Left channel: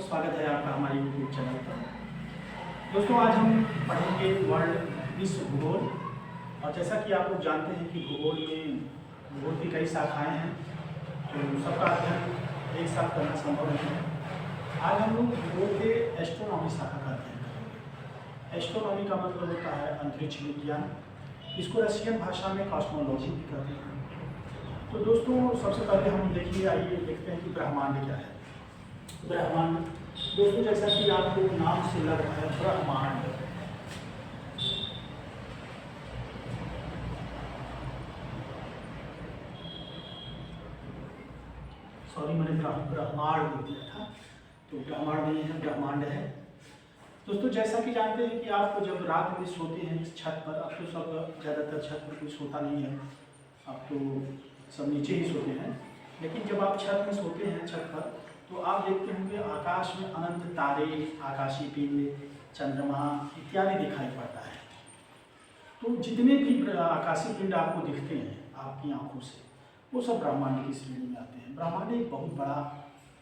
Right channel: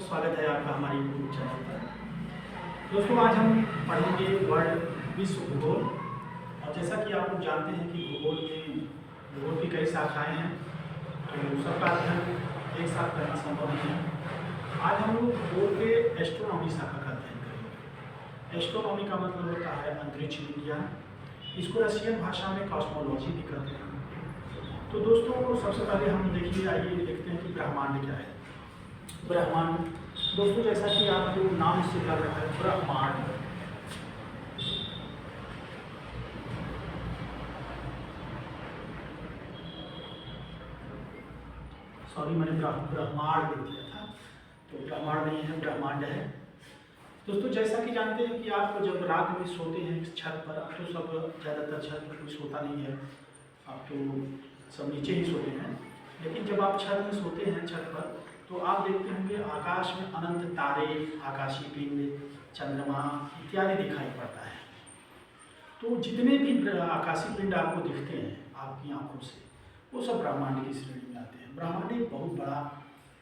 स्वागत है आपका हमारे यूट्यूब चैनल पर। दोस्तों आज हम पढ़ेंगे वर्ल्ड विश्व भूगोल। और जैसा कि आप लोग जानते हैं कि भूगोल की कई शाखाएं हैं, तो सबका अध्ययन एक साथ करना संभव नहीं है। आज हम लोग भूगोल के एस्ट्रोनॉमी शाखा का अध्ययन करेंगे। एस्ट्रोनॉमी का मतलब होता है अंतरिक्ष विज्ञान। इसको रशियन भाषा में कॉस्मोलॉजी भी कहते हैं। तो दोस्तों सबसे पहले हम आइए देखते हैं कि ब्रह्मांड क्या है। ब्रह्मांड दोस्तों जैसा कि आपको नाम से लग रहा है ब्रह्मांड, सॉरी मैंने ब्रह्मांड लिख दिया था, तो ब्रह्मांड नहीं है, ब्रह्मांड है। दोस्तों जैसा कि जानते हैं कि आप जब रात में सोते हैं छत पर, अब तो सब ज़्यादातर छत पर कोई सोता नहीं है, अब तो सब नीचे ही सोते हैं। लेकिन जब आप छत में सोते हैं छत पर, तो आप देखते होंगे आकाश में अनंत तारे, आकाशीय पिंड, चंद्रमा इत्यादि दिखाई पड़ता है। तो जितने भी आकाशीय पिंड आपको दिखते हैं आपकी आंखों से, वो सब ब्रह्मांड की श्रेणी में आते हैं। ब्रह्मांड एक बहुत बड़ा,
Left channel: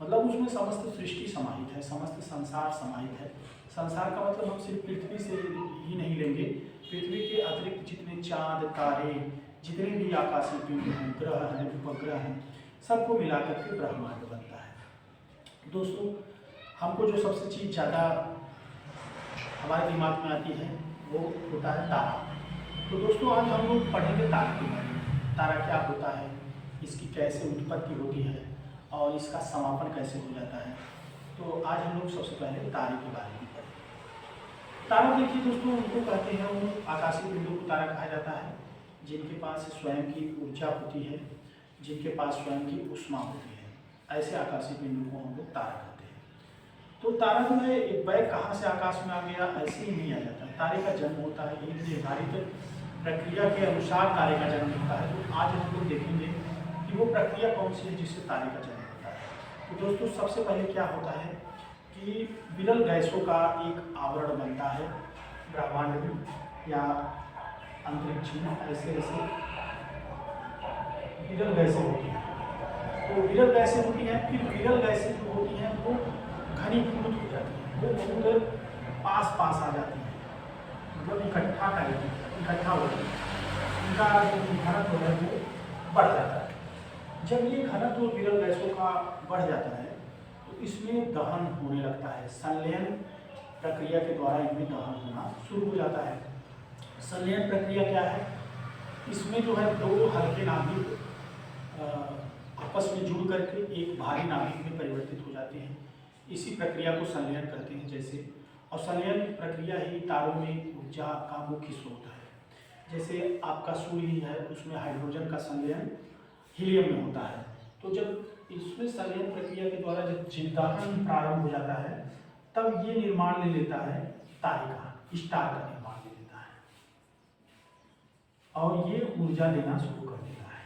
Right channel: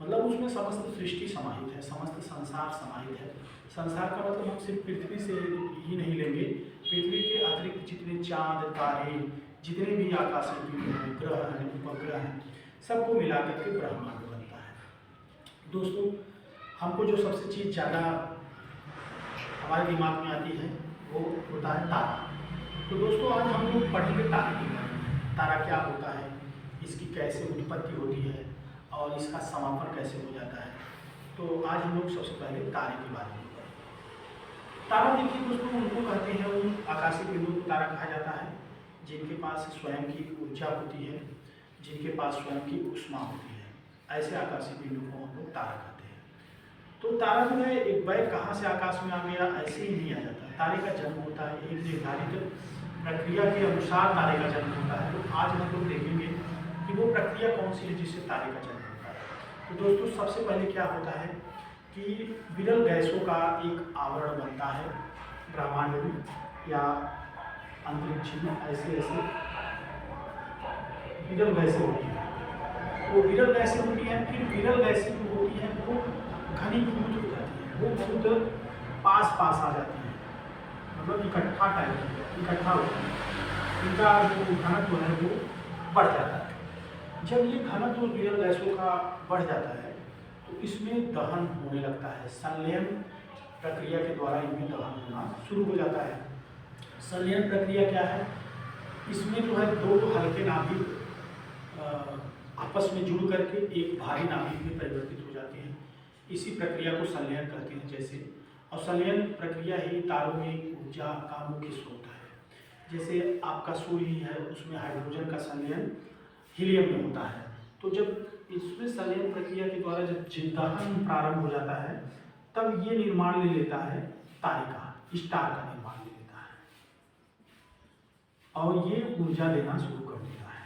मतलब उसमें समस्त सृष्टि समाहित है, समस्त संसार समाहित है। संसार का मतलब हम सिर्फ पृथ्वी से ही नहीं लेंगे, पृथ्वी के अतिरिक्त जितने चाँद, तारे, जितने भी आकाशीय पिंड हैं, ग्रह हैं, उपग्रह हैं, सबको मिलाकर के ब्रह्मांड बनता है। दोस्तों हमको जो सबसे चीज़ ज़्यादा हमारे दिमाग में आती है वो होता है तारा। तो दोस्तों आज हम लोग पढ़ेंगे तारे के बारे में। तारा क्या होता है, इसकी कैसे उत्पत्ति होती है और इसका समापन कैसे हो जाता है। तो आज हम लोग सबसे पहले तारे के बारे में पढ़ेंगे। तारा देखिए दोस्तों, उनको कहते हैं, उन आकाशीय पिंडों को तारा कहा जाता है जिनके पास स्वयं की ऊर्जा होती है, जिनके पास स्वयं की ऊष्मा होती है। ऐसे आकाशीय पिंडों को हम लोग तारा कहते हैं। तो तारा जो है एक बैग कहाँ से आकाश में आ गया ऐसे ही नहीं आ जाता। तारे का जन्म होता है एक निर्धारित प्रक्रिया के अनुसार तारे का जन्म होता है। तो आज हम लोग देखेंगे कि वो प्रक्रिया कौन सी है जिससे तारे का जन्म होता है। तो दोस्तों सबसे पहले क्या होता है कि विरल गैसों का एक आवरण बनता है ब्रह्मांड में या अंतरिक्ष में। ऐसे ऐसे विरल गैसें होती हैं। तो विरल गैसें होती हैं, फिर विरल गैसें जो होती हैं वो घनीभूत हो जाती हैं, वो बहुत पास आ जाती हैं, मतलब इकट्ठा हो जाती है। इनका जो घनत्व है वो बढ़ जाता है। जब ये घनत्व विरल गैसों का बढ़ जाता है तो इसमें दहन होने लगता है। संलयन प्रक्रिया के द्वारा इनमें दहन होना शुरू हो जाता है। संलयन प्रक्रिया क्या है, इसमें जो है दो हल्के नाभिक आपस में जुड़ करके एक भारी नाभिक में परिवर्तित हो जाते हैं। इसी प्रक्रिया को संलयन कहते हैं। जैसे और संलयन प्रक्रिया ही तारों में ऊर्जा का मुख्य स्रोत है। जैसे आपका सूर्य ही है, उसमें हाइड्रोजन का संलयन हीलियम में होता है। तो जब इसमें संलयन प्रक्रिया के द्वारा जब दहन प्रारंभ हो जाता है, तब ये निर्माण ले लेता है तारे का, स्टार का निर्माण ले लेता है और ये ऊर्जा देना शुरू कर देता है।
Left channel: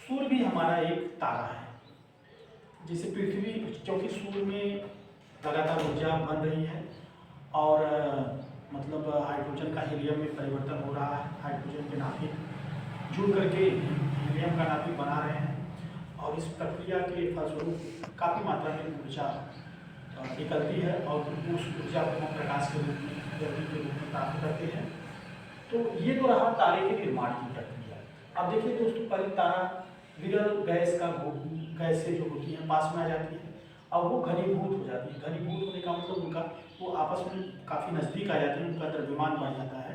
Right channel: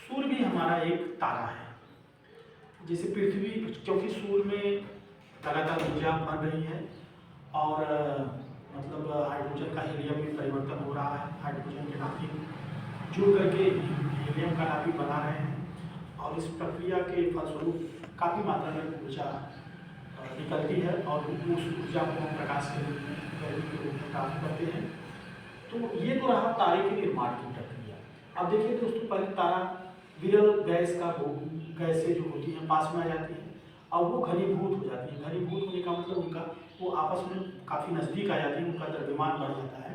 सूर्य भी हमारा एक तारा है। जैसे पृथ्वी, क्योंकि सूर्य में लगातार ऊर्जा बन रही है और मतलब हाइड्रोजन का हीलियम में परिवर्तन हो रहा है। हाइड्रोजन के नाभिक जुड़ करके हीलियम का नाभिक बना रहे हैं और इस प्रक्रिया के फलस्वरूप काफ़ी मात्रा में ऊर्जा निकलती है और उस ऊर्जा को हम प्रकाश के रूप में, गर्मी के रूप में प्राप्त करते हैं। तो ये तो रहा तारे के निर्माण की प्रक्रिया। अब देखिए दोस्तों, पहले तारा विरल गैस का गैसें जो होती हैं पास में आ जाती हैं और वो घनीभूत हो जाती है। घनीभूत होने का मतलब उनका वो आपस में काफ़ी नज़दीक आ जाती है, उनका द्रव्यमान बढ़ जाता है।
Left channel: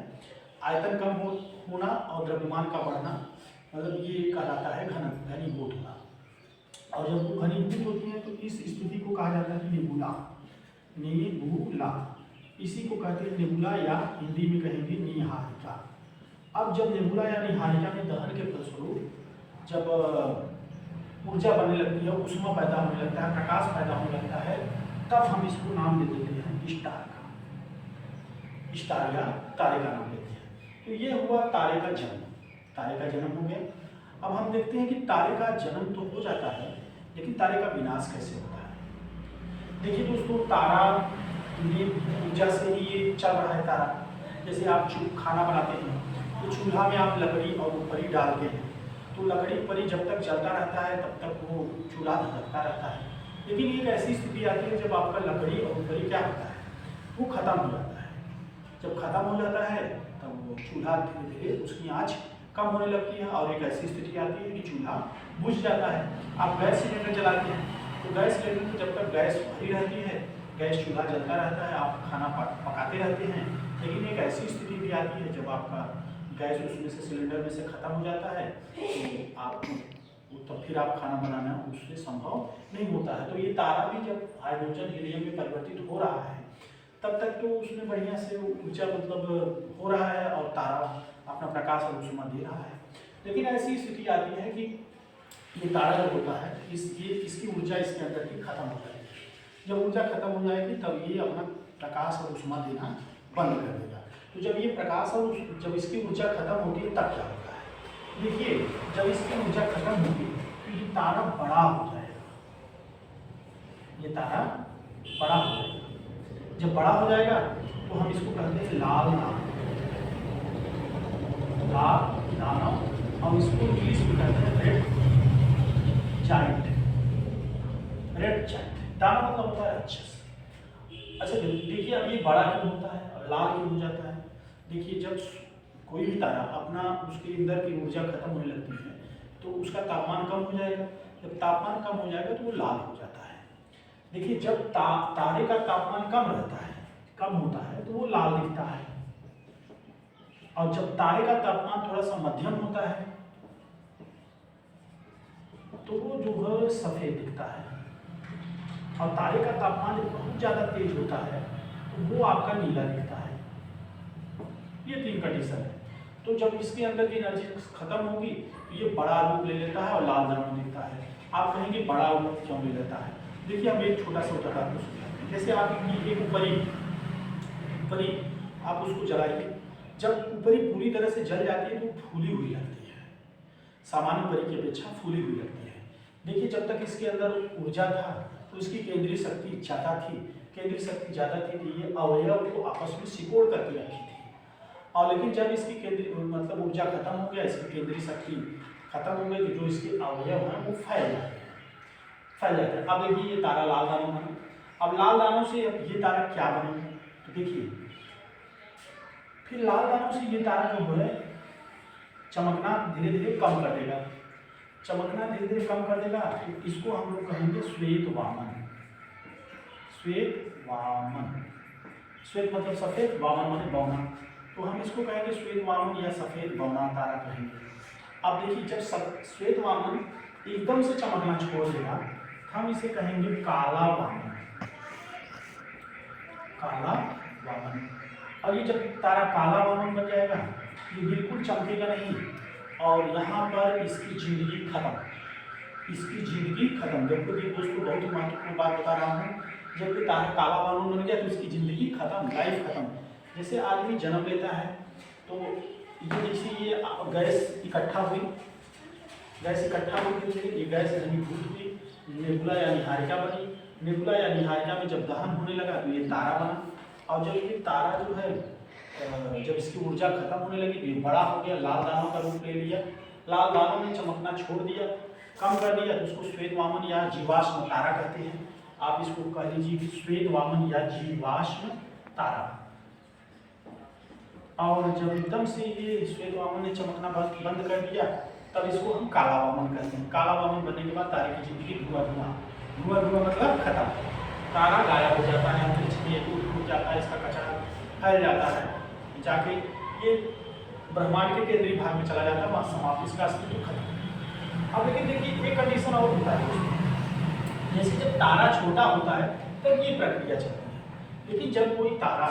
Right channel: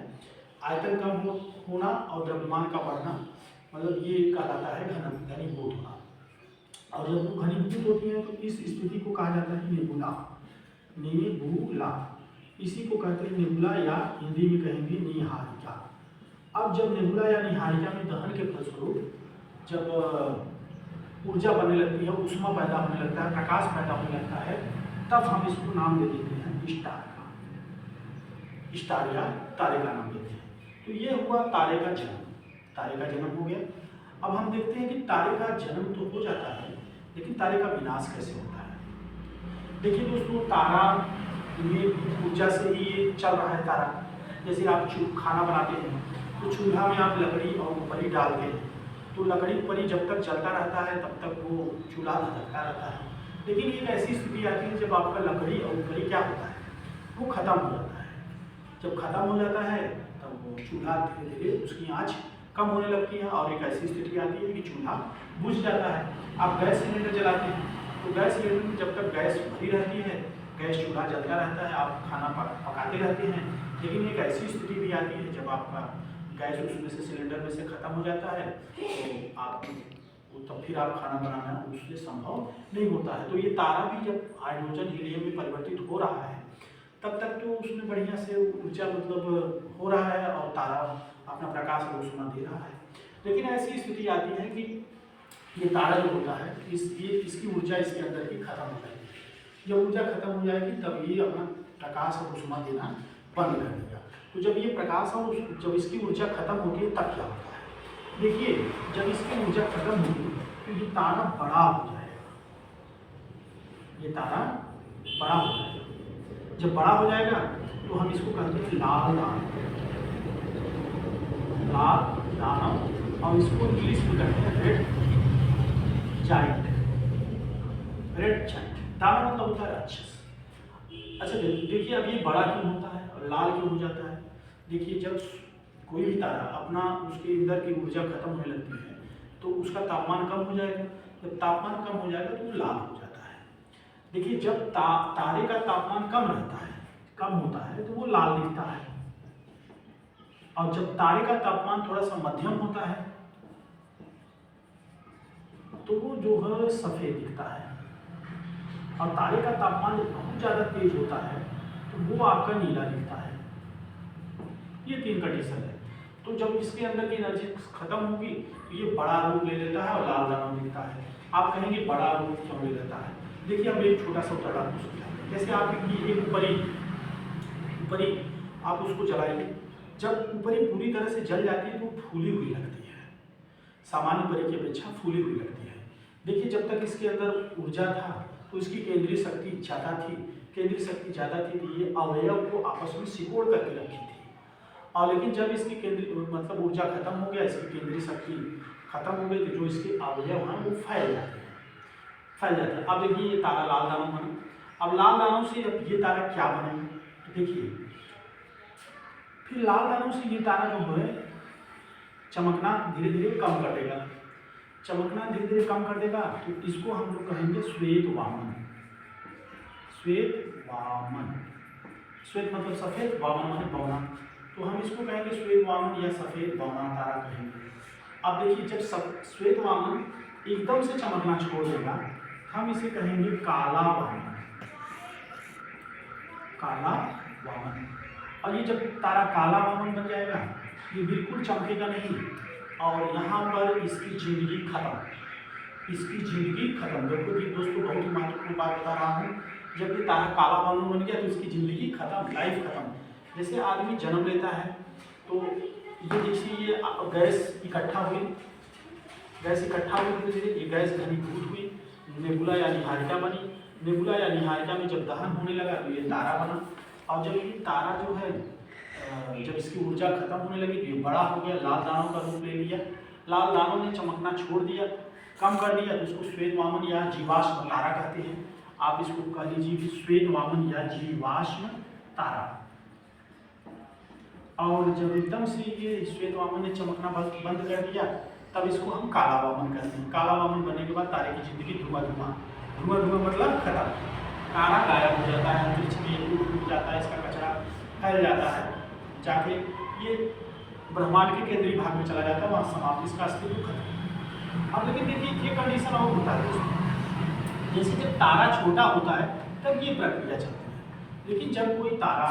आयतन कम होना और द्रव्यमान का बढ़ना, मतलब ये कहलाता है घनीभूत होना। और जब वो घनीभूत होती है तो इस स्थिति को कहा जाता है नेबुला। नेबुला इसी को कहते हैं नेबुला, या हिंदी में कहेंगे निहारिका। अब जब नेबुला या निहारिका में दहन के फलस्वरूप जब ऊर्जा बनने लगती है, ऊष्मा पैदा होने लगता है, प्रकाश पैदा होने लगता है, तब हम इसको नाम दे देते हैं स्टार का, स्टार या तारे का नाम देते हैं। तो ये हुआ तारे का जन्म। तारे का जन्म हो गया। अब हम देखते हैं कि तारे का जन्म तो हो जाता है, लेकिन तारे का विनाश कैसे होता है। देखिए दोस्तों, तारा में ऊर्जा से ही ये चल रहा है तारा। जैसे आप खाना बनाते हैं तो चूल्हा में आप लकड़ी और ऊपरी डालते हैं, तो लकड़ी ऊपरी जब तक जलता रहता है तब तक वो चूल्हा धधकता रहता है। लेकिन एक ऐसी स्थिति आती है जब आपका लकड़ी और उपकरी क्या होता है, वो खत्म हो जाता है। जब खत्म हो जाता है तब वो चूल्हा धीरे धीरे उसकी आँच कम होने लगती है और एक ऐसी स्थिति आती है कि चूल्हा बुझ जाता है। आप गैस सिलेंडर जलाते हैं तो गैस सिलेंडर में जब तक गैस भरी रहती है, गैस चूल्हा जलता रहता है, आप खाना पकाते रहते हैं। लेकिन एक ऐसी स्थिति भी आती है जब आपका गैस उसमें से सिलेंडर में से ख़त्म हो जाता है तो आप तब फिर आप खाना बनाना उससे संभव नहीं होता है। तो ये तारा भी जब हाइड्रोजन हीलियम में परिवर्तित हो रहा है तब तक तो उसमें बढ़िया से ऊर्जा मतलब हो रहा है और तारा अपना प्रकाश और ऊष्मा दे रहा है। लेकिन ऐसी स्थिति आती है कि ये तारा जो होता है इसकी ऊर्जा इसके अंदर की खत्म हो जाएगी। जब ऊर्जा खत्म हो जाएगी तब ये अपना प्रकाश और ऊष्मा देना बंद कर देगा। तो जब ये प्रकाश और जब इसकी ऊर्जा खत्म होती है तब क्या होता है, देखिए जब इसकी ऊर्जा खत्म होगी तो ये तारा बड़ा हो जाएगा। ये तारा बड़ा हो जाएगा। जब बड़ा हो जाएगा तो हम इसको कहते हैं लाल दानव और इसको इंग्लिश में कहते हैं रेड जाइंट। दानव मतलब होता है राक्षस। अच्छा देखिए अब ये बड़ा क्यों होता है और लाल क्यों हो जाता है। देखिए जब कोई भी तारा अपना उसके अंदर की ऊर्जा खत्म होने लगती है तो उसका तापमान कम हो जाएगा। जब तापमान कम हो जाएगा तो वो लाल हो जाता है। देखिए जब तारे का तापमान कम होता है तो वो लाल दिखता है और जब तारे का तापमान थोड़ा सा मध्यम होता है तो वो जो है सफेद दिखता है और तारे का तापमान जब बहुत ज़्यादा तेज होता है तो वो आपका नीला दिखता है। ये 3 कंडीशन है। तो जब इसके अंदर की एनर्जी खत्म होगी तो ये बड़ा रूप ले लेता है और लाल दानव दिखता है। आप कहेंगे बड़ा रूप क्यों ले लेता है। देखिए हम एक छोटा सा उदाहरण उसको, जैसे आप ऊपरी आप उसको जलाइए, जब ऊपरी पूरी तरह से जल जाती है तो फूली हुई लगती है, सामान्य ऊपरी की अपेक्षा फूली हुई लगती है। देखिए जब तक इसके अंदर ऊर्जा था तो इसकी केंद्रीय शक्ति ज़्यादा थी। तो ये अवयव को आपस में सिकोड़ करके रखी थी। और लेकिन जब इसकी केंद्रीय मतलब ऊर्जा खत्म हो गया, इसकी केंद्रीय शक्ति खत्म हो गई तो जो इसके अवयव हैं वो फैल जाते हैं। अब देखिए ये तारा लाल दानव बना। अब लाल दानव से अब ये तारा क्या बनेगा, तो देखिए फिर लाल दानव से ये तारा जो है चमकना धीरे धीरे कम कर देगा। तो इसको हम लोग कहेंगे श्वेत वामन। श्वेत मतलब सफेद, वामन माने बौना। तो हम इसको कहेंगे श्वेत वामन या सफेद बौना तारा कहेंगे। अब देखिए जब श्वेत वामन एकदम से चमकना छोड़ देगा हम इसे कहेंगे काला वामन। और ये जब तारा काला वामन बन जाएगा ये बिल्कुल चमकेगा नहीं और यहाँ पर इसकी जिंदगी खत्म। देखो ये दोस्तों बहुत ही महत्वपूर्ण बात बता रहा हूँ। जब ये तारा काला वामन बन गया तो इसकी जिंदगी खत्म, लाइफ खत्म। जैसे आदमी जन्म लेता है तो ये देखिए ये गैस इकट्ठा हुई ये गैस घनीभूत हुई, नेबुला या निहारिका बनी। नेबुला या निहारिका में जब दहन होने लगा तो ये तारा बना। और जब ये तारा जो है जब इसकी ऊर्जा खत्म होने लगी तो ये बड़ा हो गया, लाल दानव का रूप ले लिया। लाल दानव ने चमकना छोड़ दिया, कम कर दिया, तो उसको श्वेत वामन या जीवाश्म तारा कहते हैं। आप इसको कह लीजिए कि श्वेत वामन या जीवाश्म तारा। और जब एकदम से ये श्वेत वामन ने चमकना बंद कर दिया तब इसको हम काला वामन कहते हैं। काला वामन बनने के बाद तारे की जिंदगी धुआं मतलब खत्म, तारा गायब हो जाता है, अंतरिक्ष में टूट जाता है, इसका कचरा फैल जाता है, जाके ये ब्रह्मांड के केंद्रीय भाग में चला जाता है, वहाँ समाप्त, इसका अस्तित्व खत्म। अब लेकिन देखिए एक कंडीशन और होता है, जैसे जब तारा छोटा होता है तब ये प्रक्रिया चलती है। लेकिन जब कोई तारा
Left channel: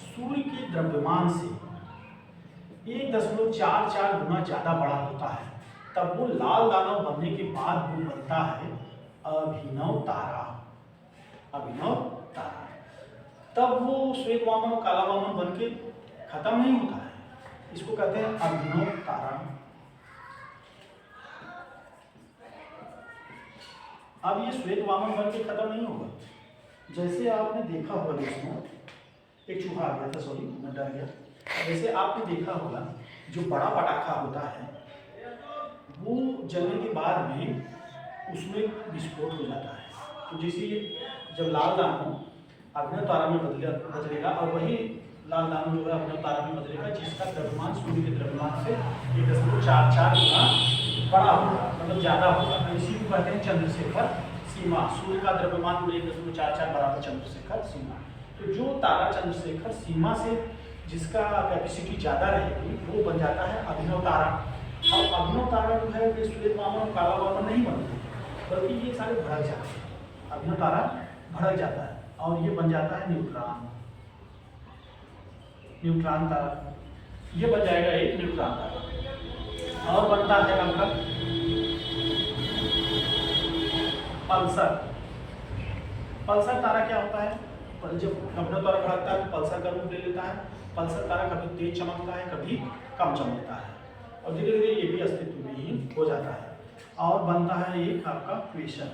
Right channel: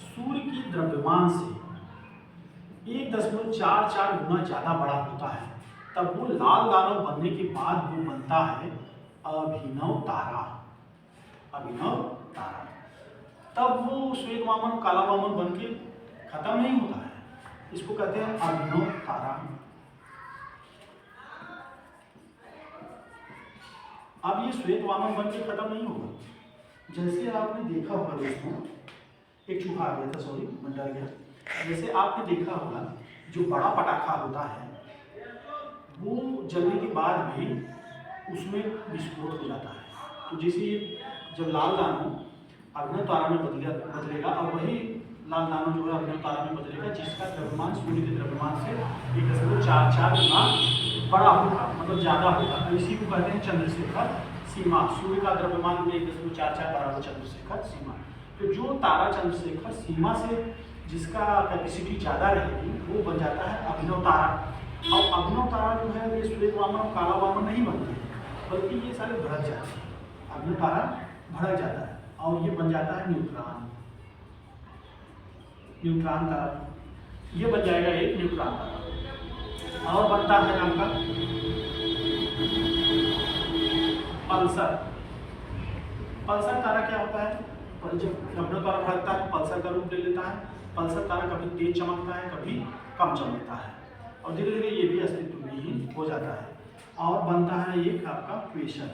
सूर्य के द्रव्यमान से 1.44 गुना ज़्यादा बड़ा होता है तब वो लाल दानव बनने के बाद वो बनता है अभिनव तारा। तब वो श्वेत वामन और काला वामन बन के खत्म नहीं होता है, इसको कहते हैं अभिनव तारा। अब ये श्वेत वामन बन के खत्म नहीं होगा। जैसे आपने देखा होगा दोस्तों, एक चूहा आ गया था, सॉरी मैं डर गया। वैसे आपने देखा होगा जो बड़ा पटाखा होता है वो जलने के बाद भी उसमें विस्फोट हो जाता है। तो जैसे जब लाल दान हो अभिनव तारा में बदलेगा और वही लाल दानव जो है अभिनव तारा में बदलेगा जिसका द्रव्यमान सूर्य के द्रव्यमान से 1.44 गुना बड़ा होगा, मतलब ज़्यादा होगा। तो इसी को कहते हैं चंद्रशेखर सीमा। सूर्य का द्रव्यमान 1.44 बराबर चंद्रशेखर सीमा। तो जो तारा चंद्रशेखर सीमा से जिसका कैपेसिटी ज़्यादा रहेगी वो बन जाता है अभिनव तारा। अब अभिनव तारा जो है ये श्वेत वामन और काला वामन नहीं बनते, बल्कि ये सारे भड़क जाते हैं। अभिनव तारा भड़क जाता है और ये बन जाता है न्यूट्रॉन। न्यूट्रॉन तारा ये बन जाएगा एक न्यूट्रॉन तारा। और बनता है आपका पल्सर। पल्सर तारा क्या होता है? जब अभिनव तारा भड़कता है तो पल्सर का रूप ले लेता है। पल्सर तारा कभी तेज चमकता है, कभी कम चमकता है और धीरे धीरे ये भी अस्तित्व में ही हो जाता है। और बनता है एक आपका क्वेसर।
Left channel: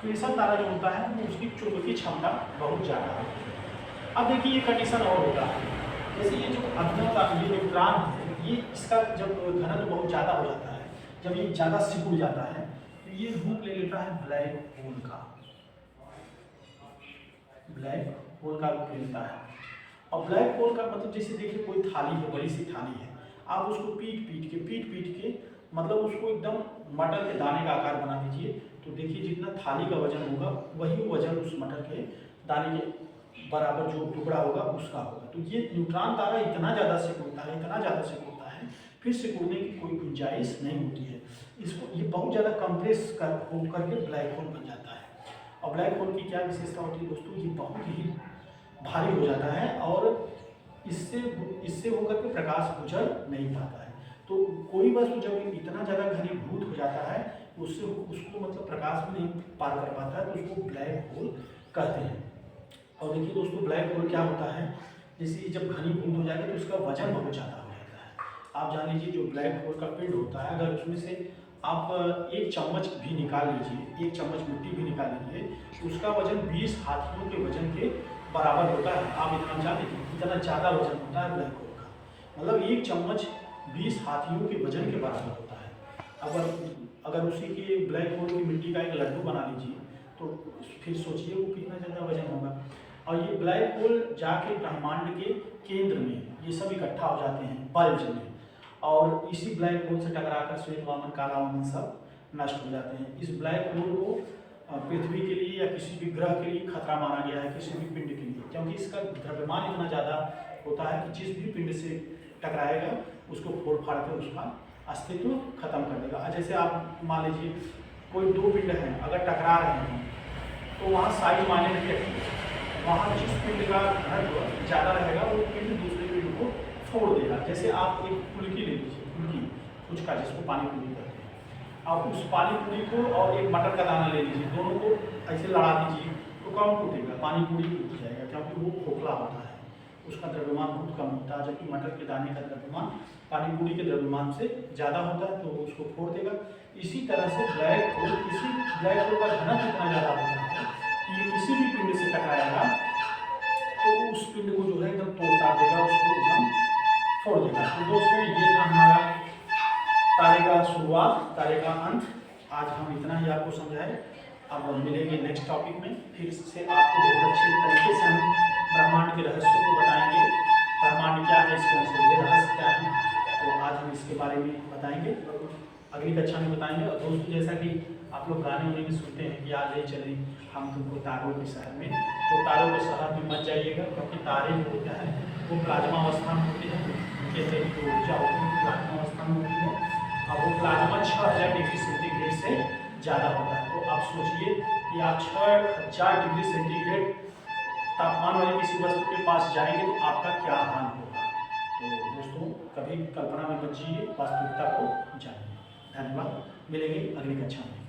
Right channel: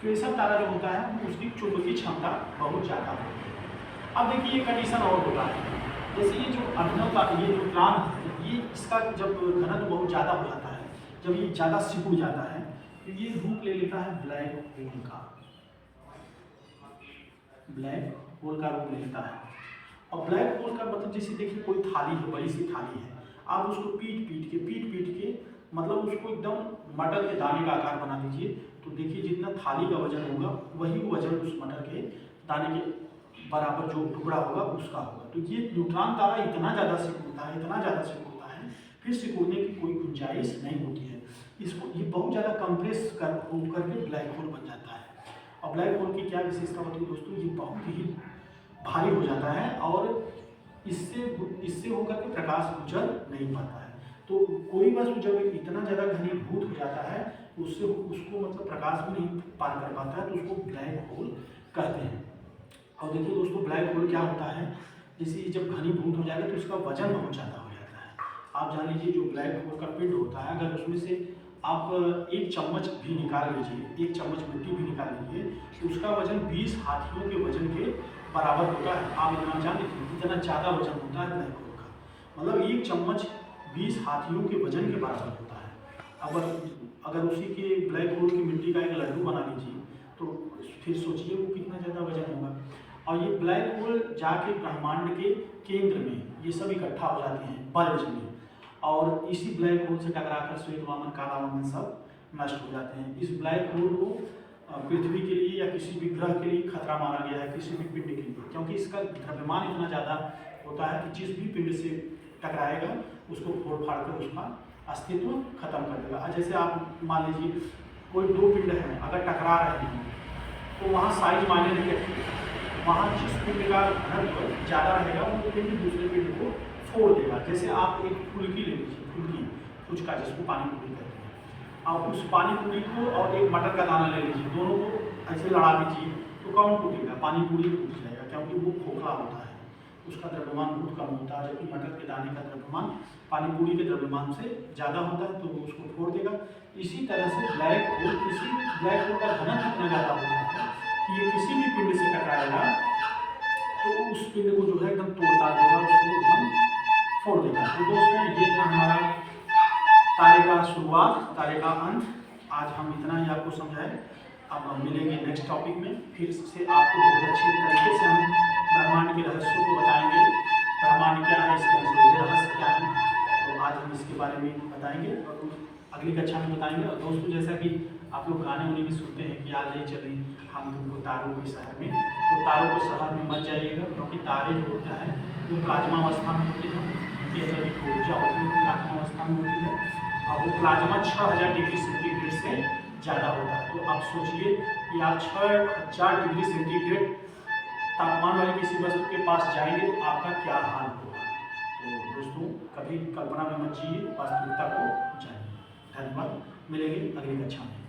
क्वेसर तारा जो होता है वो उसकी चुंबकीय क्षमता बहुत ज़्यादा होती है। अब देखिए ये कंडीशन और होता है, जैसे ये जो अभिनव तारा ये न्यूट्रॉन है ये इसका जब घनत्व बहुत ज़्यादा हो जाता है, जब ये ज़्यादा सिकुड़ जाता है तो ये रूप ले लेता है ब्लैक होल का। ब्लैक होल का रूप ले लेता है। और ब्लैक होल का मतलब जैसे देखिए कोई थाली है, बड़ी सी थाली है, आप उसको पीट पीट के मतलब उसको एकदम मटर के दाने का आकार बना दीजिए। तो देखिए जितना थाली का वजन होगा वही वजन उस मटर के दाने के बराबर जो टुकड़ा होगा उसका होगा। तो ये न्यूट्रॉन तारा इतना ज़्यादा सिकुड़ता है, इतना ज़्यादा सिकुड़ता है, फिर सिकुड़ने की कोई गुंजाइश नहीं होती है। इसको ये बहुत ज़्यादा कंप्रेस होकर के ब्लैक होल बन जाता है। और ब्लैक होल की क्या विशेषता होती है दोस्तों? ये बहुत ही भारी हो जाता है और इससे होकर के प्रकाश गुजर नहीं पाता है। तो कोई वस्तु जब इतना ज़्यादा घनीभूत हो जाता है उसको मतलब प्रकाश भी नहीं पार कर पाता है, तो उसको ब्लैक होल कहते हैं। और देखिए दोस्तों ब्लैक होल क्या होता है, जैसे जब घनीभूत हो जाएगा तो उसका वजन बहुत ज़्यादा हो जाता है। आप जान लीजिए जो ब्लैक होल का पिंड होता है, अगर उसमें से आप एक चम्मच भी निकाल लीजिए, एक चम्मच मिट्टी भी निकाल लीजिए, तो उसका वजन 20 हाथियों के वजन के बराबर होता है। आप इतना जान लीजिए इतना ज़्यादा वजन होता है ब्लैक होल का, मतलब एक चम्मच 20 हाथियों के वजन के बराबर होता है। अगर उसी के ब्लैक होल की मिट्टी का एक लड्डू बना लीजिए तो फिर सोचिए वो कितना ज़्यादा वजन होगा। और ये ब्लैक होल जाके ब्रह्मांड के केंद्र में ये सब इकट्ठा हो जाते हैं बल्ज में, और इसी ब्लैक होल से टकराकर श्वेत वामन काला वामन सब नष्ट हो जाते हैं। इस ब्लैक होल को पृथ्वी के लिए या किसी भी ग्रह के लिए खतरा माना गया है, किसी भी पिंड के लिए, क्योंकि इसका द्रव्यमान इतना ज़्यादा होता है कि जिस भी पिंड से टकराएगा उसको फोड़ फाड़ कर उसका अस्तित्व खत्म कर देगा। जैसे आप मान लीजिए कोई दो पिंड हैं अगर टकरा रहे हैं तो वहाँ साइज मायने नहीं रखेंगे, वहाँ जिस पिंड का घनत्व ज़्यादा रहेगा वो पिंड दूसरे पिंड को फोड़ देगा। जैसे आप एक फुल्की ले लीजिए, फुचका जिसको पानी पूरी कहते हैं, आप उस पानी पूरी को और एक मटर का दाना ले लीजिए, दोनों को ऐसे लड़ा दीजिए तो कौन टूटेगा? पानी पूरी टूट जाएगा, क्योंकि वो खोखला होता है, उसका द्रव्यमान बहुत कम होता है, जबकि मटर के दाने का द्रव्यमान पानी पूरी के द्रव्यमान से ज़्यादा होता है, तो वो उसको फोड़ देगा। इसी तरह से ब्लैक होल का घनत्व इतना ज़्यादा होता है कि ये किसी भी पिंड से टकराएगा तो उस पिंड को जो है एकदम तोड़ता देगा, उसको एकदम फोड़ देगा। तो दोस्तों ये था हमारा तारे का शुरुआत, तारे का अंत। आज हम इतना ही आपको समझाएं। अब हम मिलेंगे नेक्स्ट टॉपिक में, फिर से आपको बहुत अच्छी तरीके से हम ब्रह्मांड के रहस्यों को बताएंगे। ब्रह्मांड क्या है, इसके अंदर रहस्य क्या है, तो आज हम इसके बारे में बताएंगे और अगली कक्षा में बताएंगे। और दोस्तों जैसा कि आप लोग गाने उन्हें भी सुनते हैं कि आज ले चली हम तुमको तारों के शहर में, तो तारों के शहर में मत जाइएगा, क्योंकि तारे जो होता है वो प्लाज्मा अवस्था में होती है, जैसे कि ऊर्जा होती है प्लाज्मा अवस्था में होती है, और वो प्लाज्मा 6000 डिग्री सेंटीग्रेड से ज़्यादा होता है। तो आप सोचिए कि आप 6000 डिग्री सेंटीग्रेड तापमान वाली किसी वस्तु के पास जाएंगे तो आपका क्या हाल होगा। तो दोस्तों कभी कल्पना में मत जिए, वास्तविकता को जानिए। धन्यवाद, मिलेंगे अगली कक्षा में।